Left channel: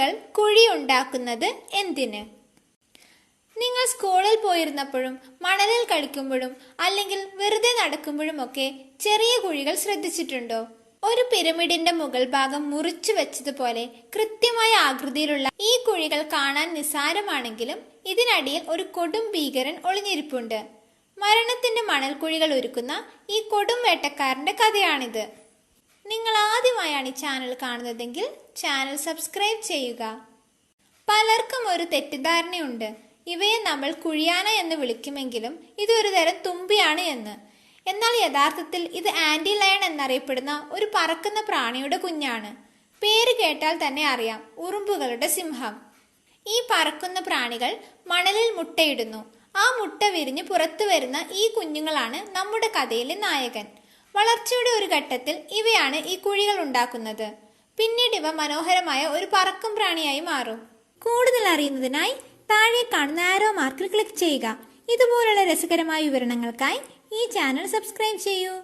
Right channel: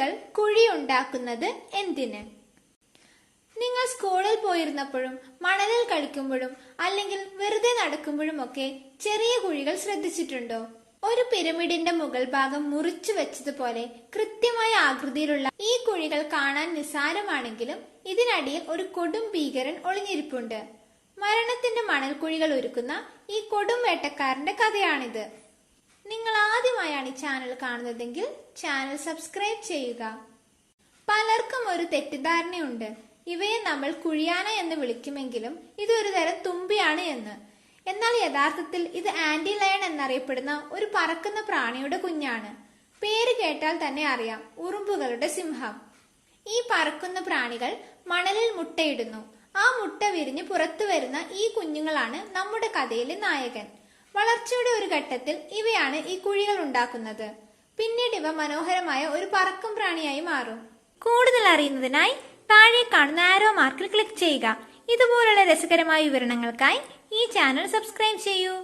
കുട്ടികൾ കുഴി ഉണ്ടാക്കുന്നത് എന്തിന്? നിങ്ങൾ സ്കൂളിൽ പോയിരുന്നപ്പോഴും മണലിൽ കളിക്കുമ്പോഴും അല്ലെങ്കിൽ വെറുതെ നടക്കുമ്പോഴുമൊക്കെ ചെറിയ കുഴികൾ ശ്രദ്ധിച്ചിട്ടുണ്ടോ? ഒരു പിരമിഡിന്റെ മുകൾ ഭാഗം മുറിച്ചു വെച്ചതുപോലെ കൃത്യമായ ആകൃതിയിലുള്ള ഈ കുഴികൾ കാണാൻ നിസ്സാരമാണെങ്കിലും ഇതിനടിയിൽ ഒരു കൊടും ഭീകരൻ ഒളിഞ്ഞിരിപ്പുണ്ട്. മരണത്തിന്റെ മണൽക്കുഴികൾ ഒരുക്കുന്ന ഈ കൊടും വേട്ടക്കാരന്റെ കഥയാണിത്. നിങ്ങൾ ആദ്യമായാണ് ഈ ചാനൽ കാണുന്നതെങ്കിൽ ചാനൽ സബ്സ്ക്രൈബ് ചെയ്യുക. പലർക്കും ഒരു തെറ്റിദ്ധാരണയുണ്ട്, ഇവയെ നമ്മൾ കുഴിയാന എന്ന് വിളിക്കുമെങ്കിലും ഇതൊരു തരം തുമ്പിയാണ് എന്ന്. എന്നാൽ യഥാർത്ഥത്തിൽ ഇത് ആന്റി ലയൺ എന്നറിയപ്പെടുന്ന ഒരു പറക്കുന്ന പ്രാണിയുടെ കുഞ്ഞാണ്. പേര് കേട്ടാൽ തന്നെ അറിയാം, ഉറുമ്പുകളുടെ സിംഹം. ഈ പറക്കുന്ന പ്രാണികൾ മണലിൽ മുട്ടയിടുന്നു. ആ മുട്ട വിരിഞ്ഞ് പുറത്തു വരുന്ന ഈ കുഞ്ഞുങ്ങളാണ് നമ്മുടെ കഥയിലെ നായകൻ. വളർച്ചയുടെ ഒരു ഘട്ടത്തിൽ ഇവയാണ് ഈ കുഴികൾ ഉണ്ടാക്കുന്നത്. പിന്നീട് ഇവ മനോഹരമായ ഒരു പറക്കും പ്രാണിയായി മാറും. കൂടുതൽ അറിയുന്നതിനായി താഴെ കാണുന്ന ആരോ മാർക്കിൽ ക്ലിക്ക് ചെയ്യുക. ഇതുപോലുള്ള രസകരമായ വിവരണങ്ങൾക്കായി ഈ ചാനൽ സബ്സ്ക്രൈബ് ചെയ്യൂ.